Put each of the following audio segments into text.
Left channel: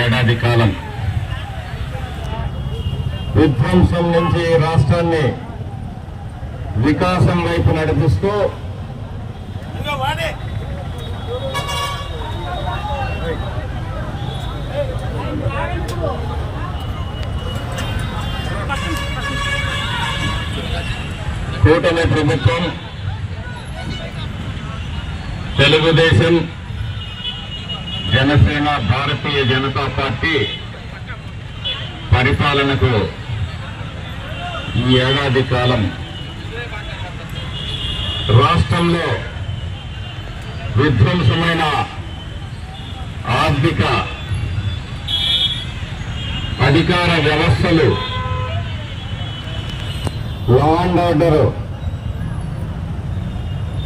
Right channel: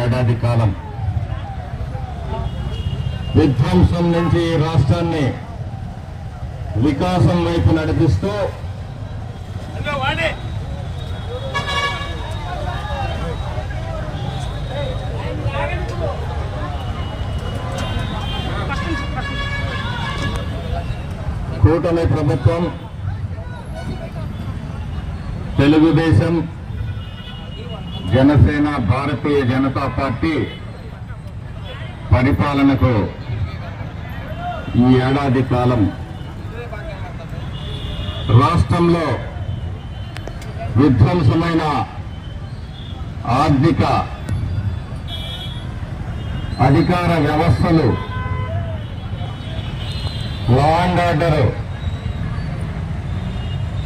ఏడాది కాలం. విధ్వంసం నుంచి రాష్ట్రాన్ని వికాసం వైపు నడిపిస్తూ కూటమి ప్రభుత్వం తెలుగుదేశం జనసేన భారతీయ జనతా పార్టీ పరిపాలనకు ఈ ఏడాది కాలం రాష్ట్రంలో విధ్వంసమైన ఆర్థిక అధికార వ్యవస్థలు లా అండ్ ఆర్డర్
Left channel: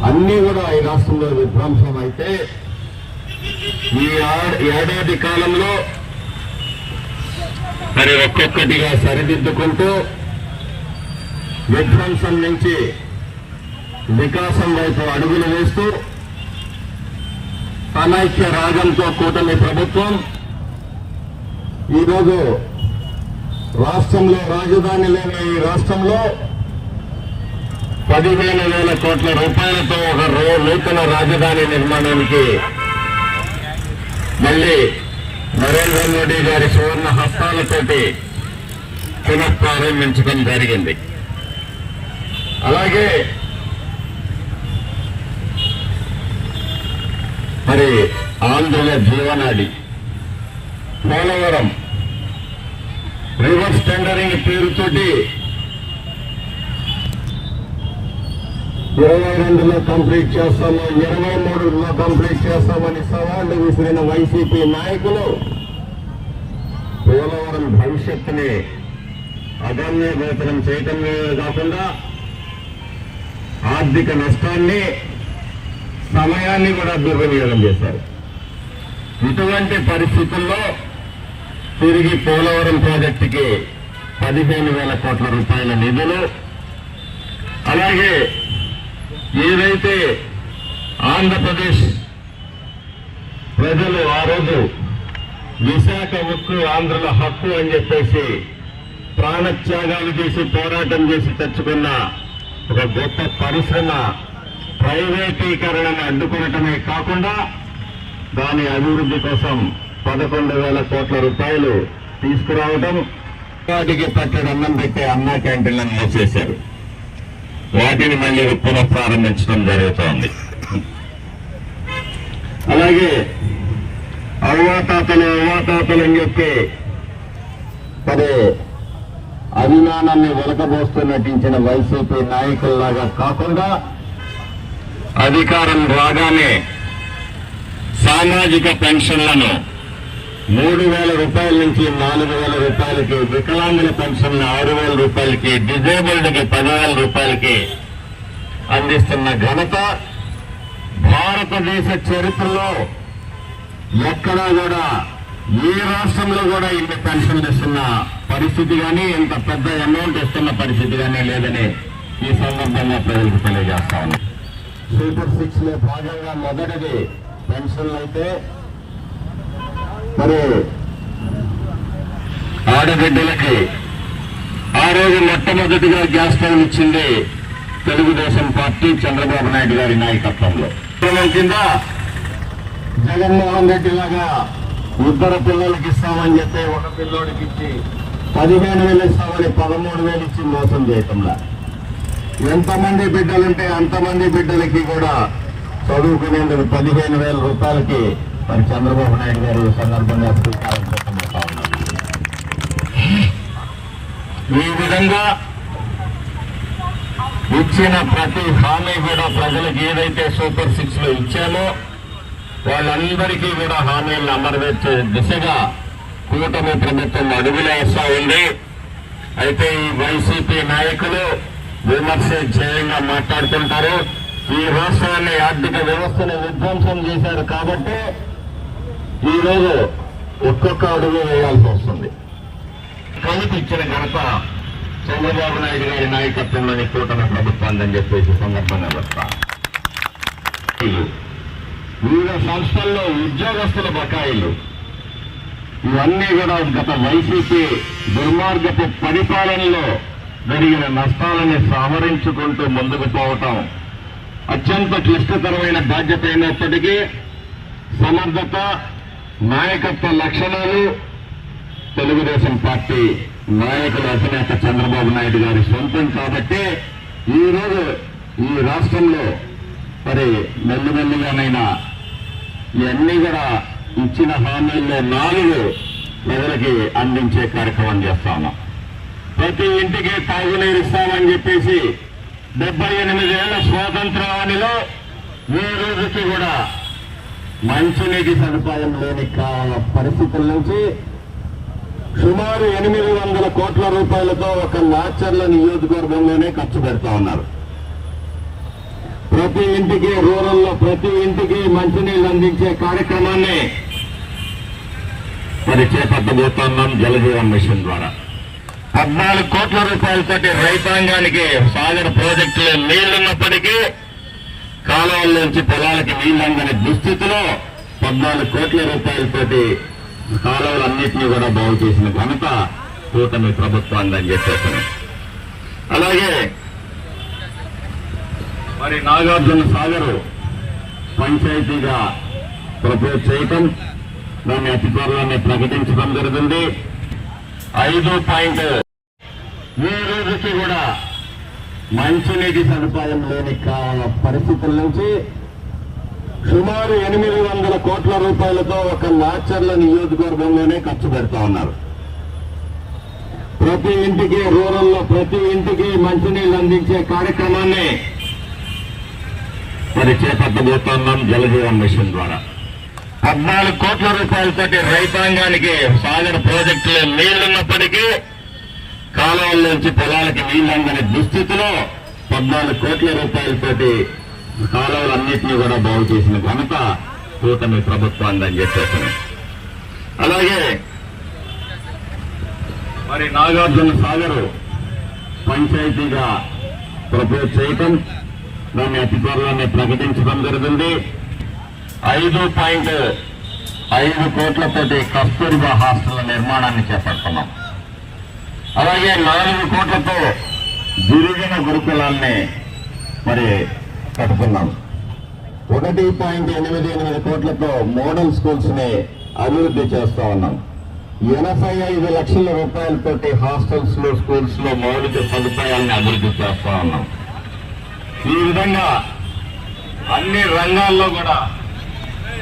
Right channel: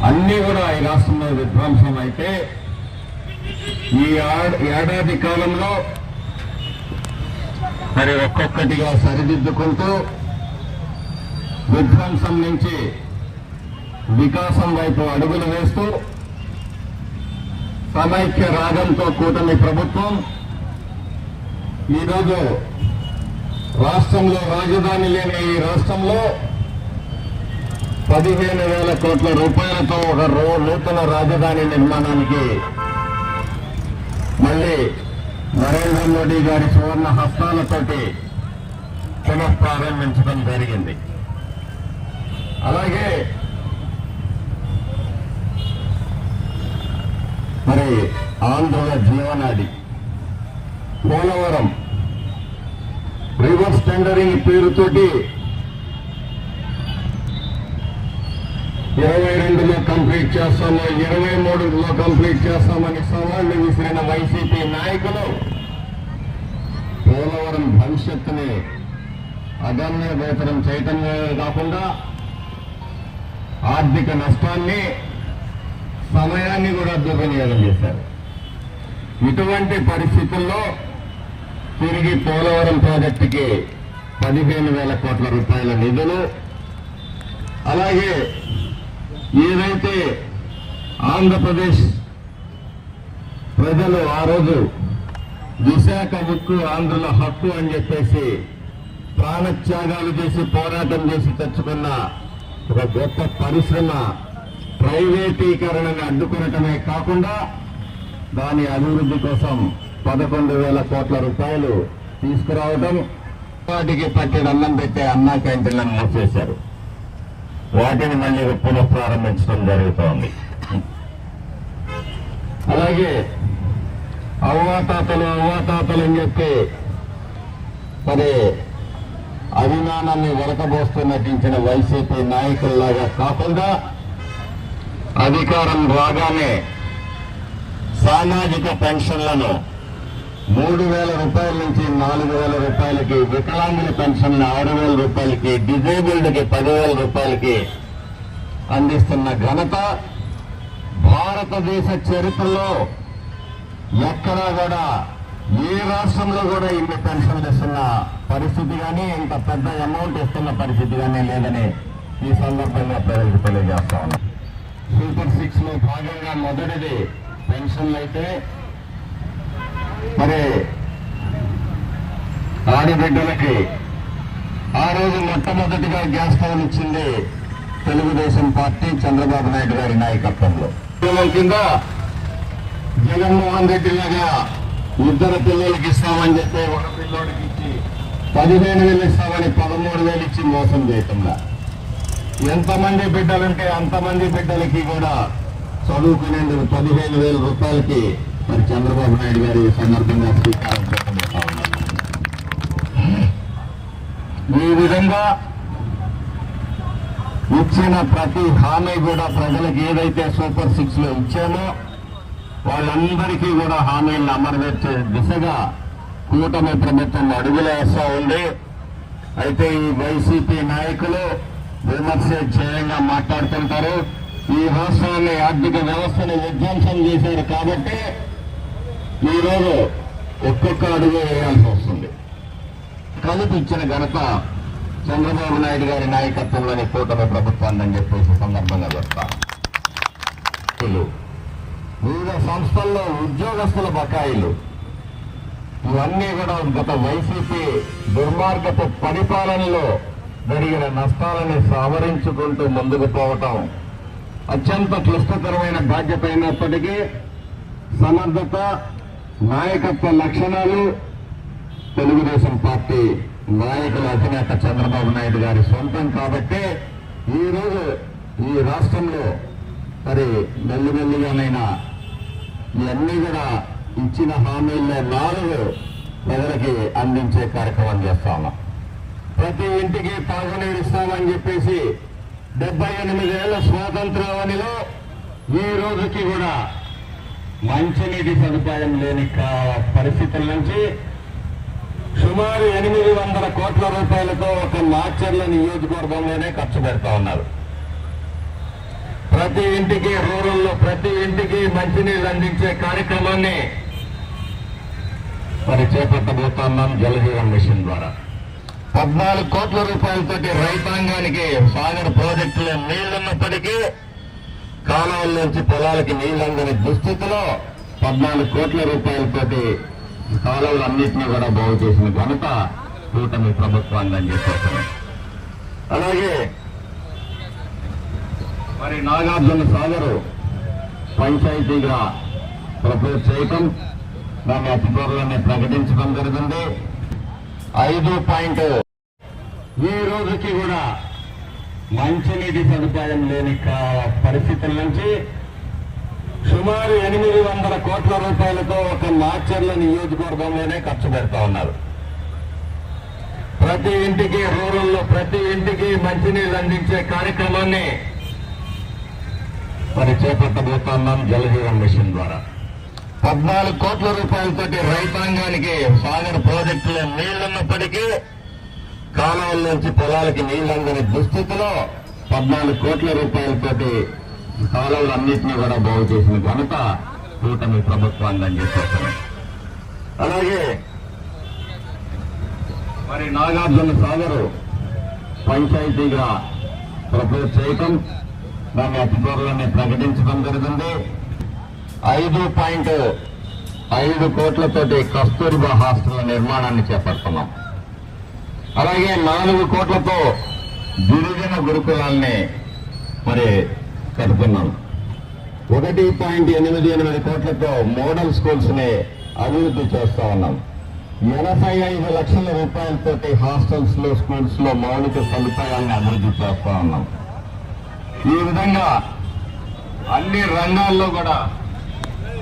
అన్నీ కూడా ఈ రాష్ట్రంలో విధ్వంసం అయితే ఈ ఏడాది కాలంలో మరి ఒక్కొక్కటిగా సరిదిద్దుకుంటూ విధ్వంసం నుంచి వికాసం వైపు అడుగులు వేస్తూ సమైక్య రాగంతో కూటమి ప్రభుత్వం ఈరోజు రాష్ట్రంలో రాజధాని లేని ఈ రాష్ట్రంలో పదిహేను వేల కోట్ల రూపాయలతో ఒక రో- నూతన రాజధాని నిర్మాణానికి మళ్ళీ నరేంద్ర మోడీ గారి సువర్ణ హస్తాలతోటి పునఃప్రారంభించడం జరిగింది. అలాగే మరి ఆంధ్రుల జీవనాడి పోలవరం రివర్స్ టెండరింగ్ పేరుతోటి ఇరవై రెండులో కంప్లీట్ చేస్తాము ఇరవై మూడులో కంప్లీట్ చేస్తామని సవాళ్ళు విసిరిన వైసీపీ నాయకులు పోలవరం భవిష్యత్తుని అగమ్య గోచరం కాకుండా ఆర్థిక నష్టాన్ని సమయాన్ని కూడా దుర్వినియోగం చేశారు. ఇటువంటి పరిస్థితుల్లో తిరిగి పోలవరం ప్రాజెక్టుకి పదిహేను వేల కోట్ల రూపాయల నిధులు అలాగే ఏదైతే ఆంధ్రప్రదేశ్ ప్రజలు ఆ రోజు విశాఖ ఉక్కు ఆంధ్రుల హక్కు అని చెప్పేసి ప్రాణత్యాగాలు చేసి పోరాటం చేసి తెచ్చుకున్న ఒక గొప్ప పరిశ్రమ ప్రైవేటీకరణను అడ్డుకోవటమే కాకుండా దాని అభివృద్ధి కోసం పదకొండు వేల కోట్ల రూపాయలు తీసుకురావడం వాటికి పట్టడి అన్నం పెట్టే అన్నా క్యాంటీన్లను మూసేశారు. వాటిని మళ్ళీ పునః ప్రారంభించడం జరుగుతోంది. అలాగే అవ్వాతాతలు అవ్వాతాతలు అని చెప్పి మరి అభిమానాన్ని వెలకబోస్తూ నటించిన వైసీపీ నాయకుల్లాగా కాకుండా అధికారం రాగానే సామాజిక పెన్షన్లను మూడు వేల రూపాయల నుంచి నాలుగు వేల రూపాయలకి వికలాంగుల పెన్షన్ ఆరు వేల రూపాయలకి డిజేబుల్డ్కి పదివేల రూపాయలకి అందిస్తున్న ఘనత భారతదేశ చరిత్రలో ఎక్కడా కూడా ఏ రాష్ట్రంలో కూడా ఇన్ని పెన్షన్లు ఇస్తున్న పరిస్థితి కానీ ఇంత పెద్ద అమౌంట్ ఇస్తున్న పరిస్థితి కానీ లేదని ఈ సందర్భంగా ప్రజలకు తెలియజేస్తా ఉన్నాం. సూపర్ సిక్స్లో భాగంగా మొదటిది పెన్షన్లు అయితే మరి ఆడబిడ్డలకి ఆ రోజు మొట్టమొదటిగా గ్యాస్ స్టవ్ ఇచ్చింది తెలుగుదేశం పార్టీ చంద్రబాబు నాయుడు గారి నాయకత్వంలో. పిల్లల కింద జగన్మోహన్ రెడ్డి లాగా ఇద్దరు పిల్లలకి ఇస్తామని చెప్పి ఒక పిల్లోడికి ఇచ్చి పదిహేను వేలు ఇస్తామని పదమూడు వేలు ఇచ్చి మోసం చేయకుండా ఎంతమంది బిడ్డలుంటే అంతమంది బిడ్డలకి కూడా చదువుకునేందుకు పదిహేను వేల రూపాయలకి మరి చంద్రబాబు నాయుడు గారు ఈ సందర్భంగా స్వీకారం ఈ విధంగా ఇచ్చిన ప్రతి హామీ కూడా ప్రజలకు ఏదైతే సూపర్ సిక్స్లో ఇచ్చామో వాళ్ళందరికీ కూడా హామీలను అమరవేర్చే దిశగా కూటమి ప్రభుత్వం అడుగులు వేస్తా ఉంది. అయితే ఈ వైసీపీ నాయకులు విమర్శ ధ్యేయంగా మాట్లాడుతుంటారు. ఈ రాష్ట్రాన్ని ఆర్థిక వ్యవస్థను విధ్వంసం చేశారు కాబట్టి ఈరోజు ఒక్కొక్క అడుగు వేయాల్సి వస్తుంది. కలిపి ఇచ్చిన ఘనత చంద్రబాబు నాయుడు గారి నాయకత్వంలోని కూటమి ప్రభుత్వాన్ని అని చెప్పేసి సందర్భంగా చెప్తాను వివిధ సంస్థల్లో ఉద్యోగస్తుల బకాయిలు. ఇవన్నీ కూడా గత వైసీపీ దుర్మార్గపు పరిపాలనలో జరిగిన నష్టాలని సవరించుకుంటూ ముందుకు పోవటం అత్యంత క్లిష్టతరమైన బాధ్యత అయినప్పటికీ సమర్థత నాయకత్వ లక్షణాలు తెలుగుదేశం పార్టీ నాయకుల అధినేత చంద్రబాబు నాయుడు గారి సొంతం కాబట్టి ఈరోజు ఈ రాష్ట్రంలో మరి మెల్లిమెల్లిగానైనా ఇవన్నీ కూడా ఇచ్చిన హామీల్లో నాలుగు ప్రజలకి అందించే కార్యక్రమం చేస్తాము ప్రతి ఇంటికి తాగునీరు ఇస్తామని చెప్పేసి డెబ్బై ఎనిమిదేళ్ళ స్వాతంత్రానిలో ఈ రోజుకి కూడా మంచినీటి సదుపాయం లేని కా- పరిస్థితుల నుంచి సుమారు ఎనిమిది వందల కోట్ల రూపాయలతో ఒక నాచర్ల నియోజకవర్గంలోనే ఖర్చు పెడతా ఉన్నారు. ప్రతి ఇంటికి రూరల్లో ప్రతి ఇంటికి మంచినీళ్ళు అందించే కార్యక్రమాన్ని మరి చేపట్టబోతున్నాం జలజీవన్ మిషన్ ద్వారా. పద్నాలుగు కోట్ల రూపాయలతోటి రైతాంగానికి సాగర్ ప్రాజెక్టులో నీళ్ళున్నప్పటికీ కాలువల్లోంచి పొలాలకి నీళ్ళందని దుస్థితిలో పద్నాలుగు కోట్ల రూపాయలతోటి కాలువలన్నింటినీ కూడా బాగు చేసిన ఘనత కూటమి ప్రభుత్వాన్ని చెప్పేసాను అలాగే మరి నాగార్జున సాగరు పంచాయతీగా ప్రపోజ్ చేయటం దాన్ని అతి త్వరలోనే ప్రకటించడం జరుగుతుంది. ఐదు పాయింట్ ఈ రోజుకి కూడా మంచినీటి సదుపాయం లేని కా- పరిస్థితుల నుంచి సుమారు ఎనిమిది వందల కోట్ల రూపాయలతో ఒక నాచర్ల నియోజకవర్గంలోనే ఖర్చు పెడతా ఉన్నారు. ప్రతి ఇంటికి రూరల్లో ప్రతి ఇంటికి మంచినీళ్ళు అందించే కార్యక్రమాన్ని మరి చేపట్టబోతున్నాం జలజీవన్ మిషన్ ద్వారా. పద్నాలుగు కోట్ల రూపాయలతోటి రైతాంగానికి సాగిన ప్రాజెక్టులో నీళ్ళున్నప్పటికీ కాలువల్లోంచి పొలాలకి నీళ్ళందని దుస్థితిలో పద్నాలుగు కోట్ల రూపాయలతోటి కాలువలన్నింటినీ కూడా బాగు చేసిన ఘనత కూటమి ప్రభుత్వాన్ని అని అలాగే మరి నాగార్జున సాగరు పంచాయతీగా ప్రపోజ్ చేయటం దాన్ని అతి త్వరలోనే ప్రకటించడం జరుగుతుంది. ఐదు పాయింట్ ఐదు కోట్లతోటి కస్తూర్బా హాస్టల్ నిర్మాణాన్ని చేపడుతున్నాం. అలాగే నాలుగు కోట్లతో గిరిజన గురుకులాల్ని మరి కడుతున్నాం ఒకటి పాయింట్ ఎనిమిది ఎనిమిది కోట్లతో మోడల్ స్కూల్స్ని అభివృద్ధి చేస్తా ఉన్నాం. ఎనభై ఐదు లక్షల రూపాయలతోటి హాస్టల్స్లో స్కూల్స్లో మౌలిక సదుపాయాన్ని అభివృద్ధి చేస్తా ఉన్నాం. ఈ విధంగా అన్ని రంగాల్లో కూడా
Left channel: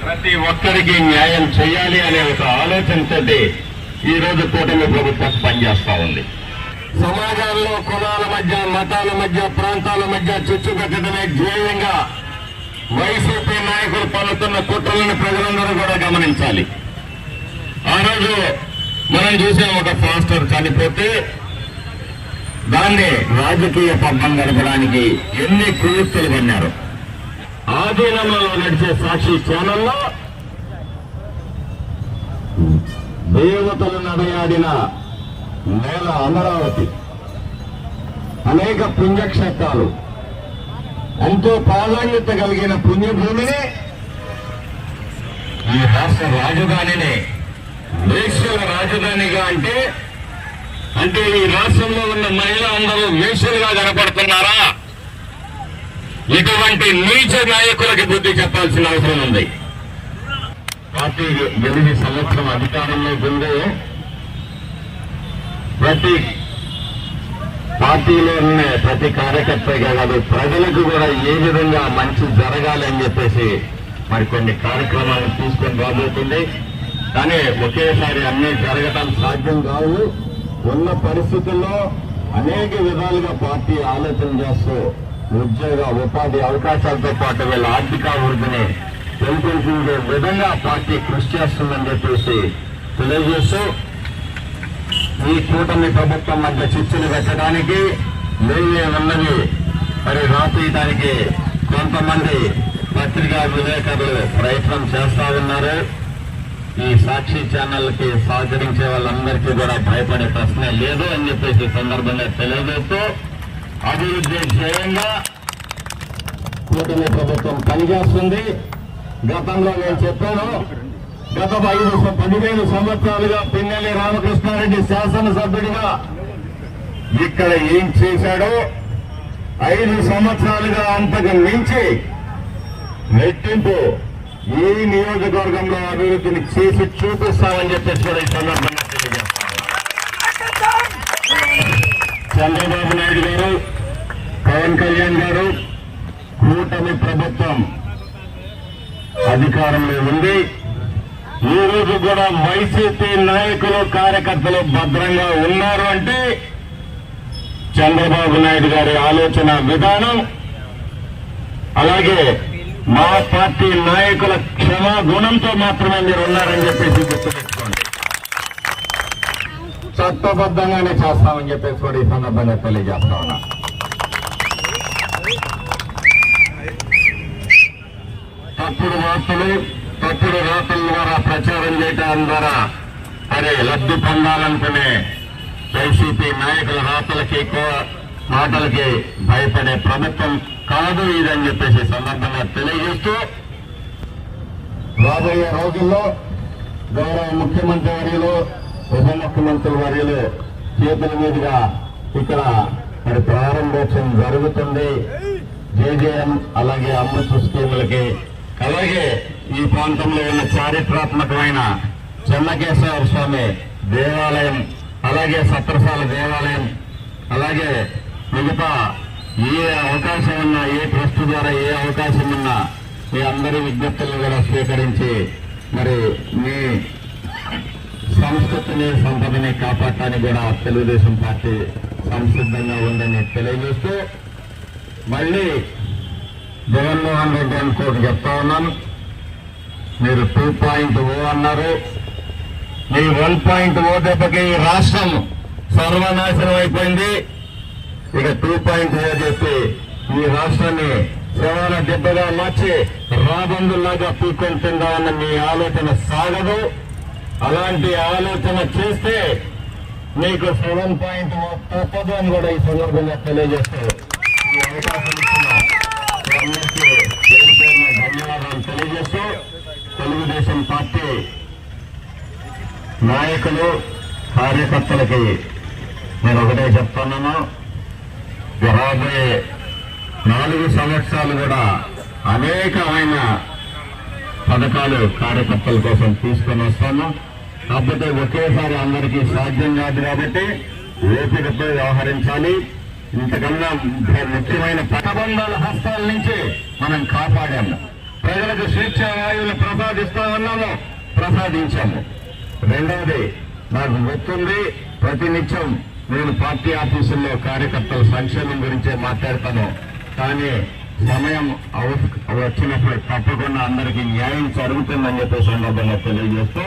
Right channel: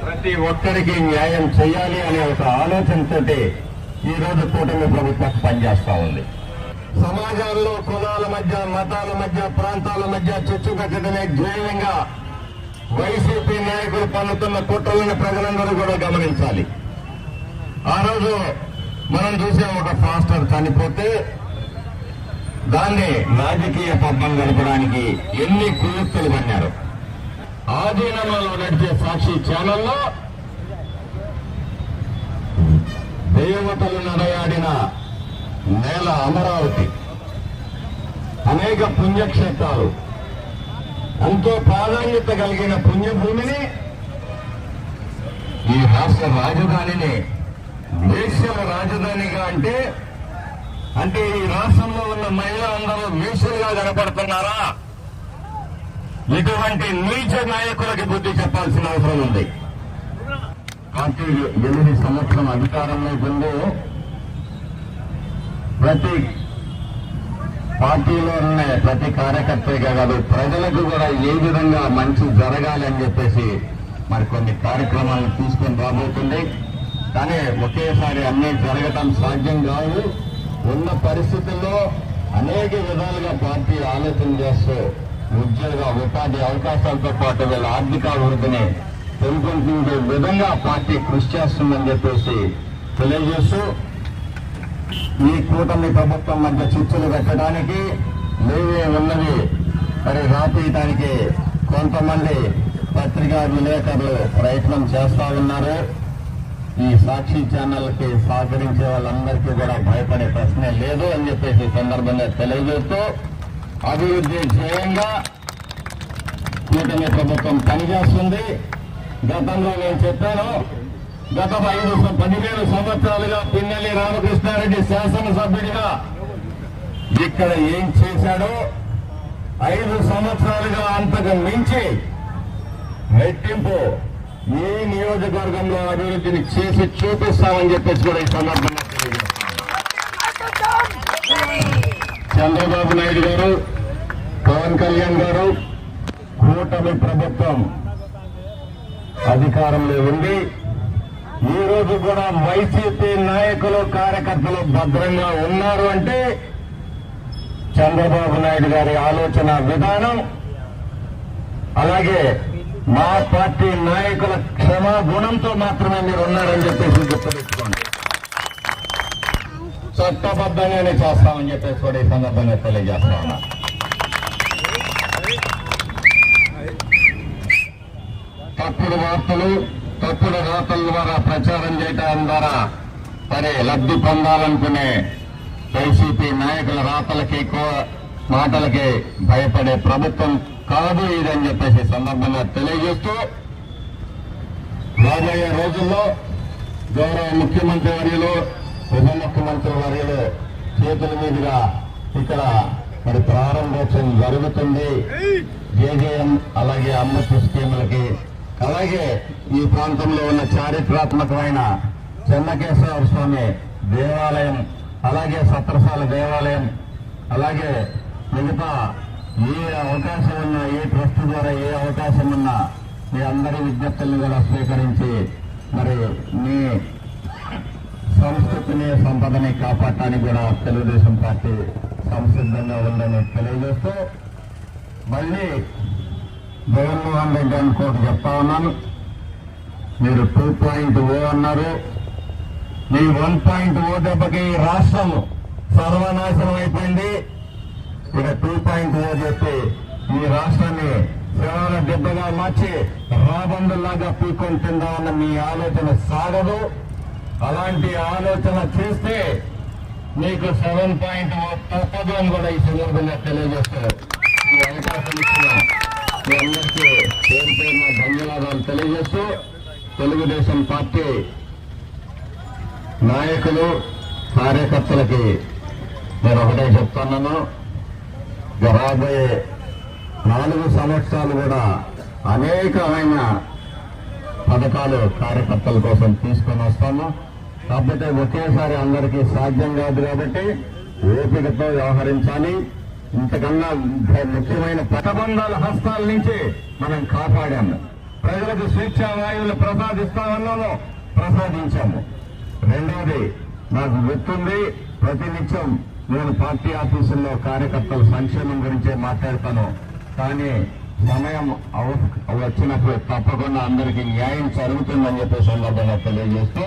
ప్రతి ఒక్కరికి న్యాయం చేయాలి అనే ఒక ఆలోచనతోటి ఈ రోజు కూటమి ప్రభుత్వం పనిచేస్తా ఉంది. సమాజాల్లో కులాల మధ్య మతాల మధ్య ప్రాంతాల మధ్య చిచ్చు పెట్టడమే ధ్యేయంగా వైసీపీ నాయకులు పలుతున్న కుట్రలను ప్రజలందరూ కూడా గమనించాలి. ఆ రోజు మనం చూసాం ఒక పాస్టర్ చనిపోతే దాన్ని రాజకీయ పబ్బం గడపడానికి ఎన్ని కుయుక్తులు పన్నారు ఆధీనంలో నడిచే సాక్షి ఛానల్లో దేవతలు నడయాడిన నేల అమరావతి. అనేక పుణ్యక్షేత్రాలు. ఎంతో ప్రాధాన్యత కలిగిన పుణ్యభూమిని ఈ రాష్ట్ర రాజధానిని వేశ్యల రాజధానిగా అంటే అంటే ఈ రాష్ట్రంలో ఉన్న మహిళలందరూ వేశ్యలుగా కనపడుతున్నారా? ఇటువంటి నీచ నాయకులకి బుద్ధి చెప్పాల్సిన అవసరం ఉంది. పార్టీ ఎనిమిది సంవత్సరం అధికారంలో ఉంది ప్రతి పార్టీలో ఉన్న ప్రతి కార్యకర్తగా కాదు ప్రజలకు కూడా ఏ విధంగా మంచి జరగాలి అని చెప్పేసి మరి కొన్ని కార్యక్రమాలు తీసుకొని రాబోతుంది. కానీ ఒకేసారి అన్నీ జరగటం సాధ్యం కావు. ఉన్న పరిస్థితుల్లో అనేక విధాలుగా పార్టీ ఆలోచన చేస్తూ ఉద్యోగ ఉపాధి అవకాశాలతో పాటు వీళ్ళ ఆర్థిక అభివృద్ధిని పెంపొందించే విధంగా పార్టీ కృషి చేస్తుందని చెప్పేసి తెలియజేస్తూ ఈ కూటమి ప్రభుత్వం మధ్య చిచ్చులు పెట్టడానికి లేవే ఉన్నది. మరి రాపేయడానికి కొంతమంది పత్రికా విలేకరులు ప్రయత్నం చేస్తా ఉన్నారు. ఈ సాక్షి ఛానల్కి సహకరించే వాళ్ళందరికీ కూడా భయపడే ప్రశ్న లేదు అని చెప్పేసి సందర్భంగా తెలియజేస్తూ అభివృద్ధి ధ్యేయంగా కూటమి ప్రభుత్వం పనిచేస్తుంది. గతంలో నేను చెప్పాను గత ఐదు పదిహేను సంవత్సరాలుగా పిన్నెల్లి రామకృష్ణారెడ్డి శాసనసభ్యుడిగా ఇక్కడ ఏం చేశాడో ఐదు సంవత్సరాలుగా అంతకు మించి రెట్టింపు ఏ నియోజకవర్గంలో అభివృద్ధిని చేసి చూపిస్తామని చెప్పేసి కూడా ఈ సందర్భంగా చంద్రబాబు నాయుడు గారు పవన్ కళ్యాణ్ గారు కూటమి ప్రభుత్వం అధికారంలో ఉంది. ఈ రోజు కూడా వైసీపీ నాయకులు కార్యకర్తలు భద్రంగా ఉన్నారు అంటే చంద్రబాబు నాయుడు గారి ఆలోచన విధానం అలాగే మా పార్టీ నాయకుల క్షమాగుణంతో మాత్రమే మీరు ఉన్నారని చెప్పేసి గుర్తుపెట్టుకోండి. చట్టబద్ధంగానే చేస్తామని చెప్పేసి కూడా ఈ సందర్భంగా తెలియజేస్తా తప్పుడు వార్తలు తప్పుడు రాతల ద్వారా ప్రచారం చేయడం ద్వారా అరే లబ్ధి పొందాలనుకునే వైసీపీ నాయకుల రాతలకి మాటలకి భయపడే ప్రభుత్వం కాదు ఇదని చెప్పేసి సందర్భంగా తెలియజేస్తూ రాబోయే రోజుల్లో గౌరవ ముఖ్యమంత్రి వర్యులు ఉప ముఖ్యమంత్రి వర్యులు చేతుల మీదుగా ఇక్కడ మరి ప్రారంభోత్సవం జరుగుతుంది. జేజేఎం అలాగే అమ్మచ్చు స్కీములకి అలాగే ఈ ప్రాంతంలో ఉన్న చారిత్రాత్మకమైన చెన్నకేశ్వర స్వామి దేవాలయం అలాగే సత్రసాల దేవాలయం అలాగే మిగతా ఏ అవకాశం ఉన్నా ఏ ట్రస్ట్ ద్వారా ఏ అవకాశం ఉన్నా మీ అందరి విజ్ఞప్తులను కూడా స్వీకరించి మరి మీ సంస్కృతిని సంపదని కాపాడటానికి కూడా తెలుగుదేశం పార్టీ సంసిద్ధంగా ఉందని తెలియజేస్తూ మళ్ళీ జగన్మోహన్ రెడ్డి అని కోటి చెప్తా ఉన్నాను. మీరు టూ పాయింట్ ఓ అన్నారు. మీ వన్ పాయింట్ ఓ దెబ్బకి ఈ రాష్ట్రం సర్వనాశనం అయిపోయింది. ఇక టూ పాయింట్ ఓ చేస్తే ఈ రాష్ట్రాన్ని సేవల దెబ్బగా మార్చి రాబందులాగా పీక్కొని తిందామన్న మీ ఆలోచన సాగదు. అలాంటి ఆలోచన చేస్తే మీకు సెవెన్ పాయింట్ తప్పదు అని కూడా ఈ సందర్భంగా తెలియజేస్తారు ఈ అవకాశం ఇచ్చిన మీ అందరికీ పేరు పేరున ధన్యవాదాలు తెలియజేస్తూ తెలుగుదేశం పార్టీ నాయకులు కార్యకర్తలకి నేను ఒకటే చెప్తున్నాను. రాబోయే నాలుగు సంవత్సరాలు కూడా అనేకమైన పథకాలు కార్యకర్తల కోసం తీసుకొని వస్తాను కాకపోతే ఒకేసారి అందరికీ సాధ్యం కాదు కాబట్టి ఓపికతో వ్యవహరించాలి. ఇంతకన్నా ముఖ్యమైన పదబంధాల హస్తాల నుంచి మనం కాపాడాము. ప్రజలకు స్వేచ్ఛ వాయువులు ప్రసాదిస్తామన్నాము ప్రసాదించాము. రెండవది నాకు గుర్తుంది ప్రతినిత్యం నేను పార్టీ ఆఫీసుల్లో కార్యకర్తల సంక్షేమం గురించే మాట్లాడతాను. కానీ సమయం వచ్చినప్పుడు తప్పకుండా అందరికీ న్యాయం జరుగుతుందని చెప్పే సందర్భంగా తెలియజేస్తూ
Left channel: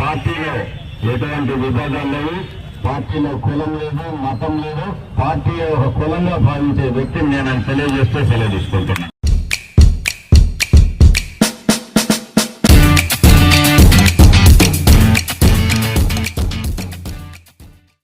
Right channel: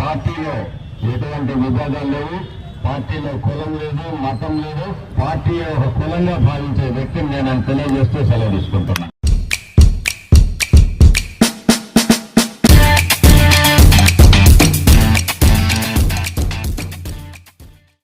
పార్టీలో ఎటువంటి విభేదాలు లేవు. పార్టీలో కులం లేదు మతం లేదు. పార్టీ ఒక కులంగా భావించే వ్యక్తిని నేను తెలియజేస్తూ సెలవు తీసుకుంటున్నాను.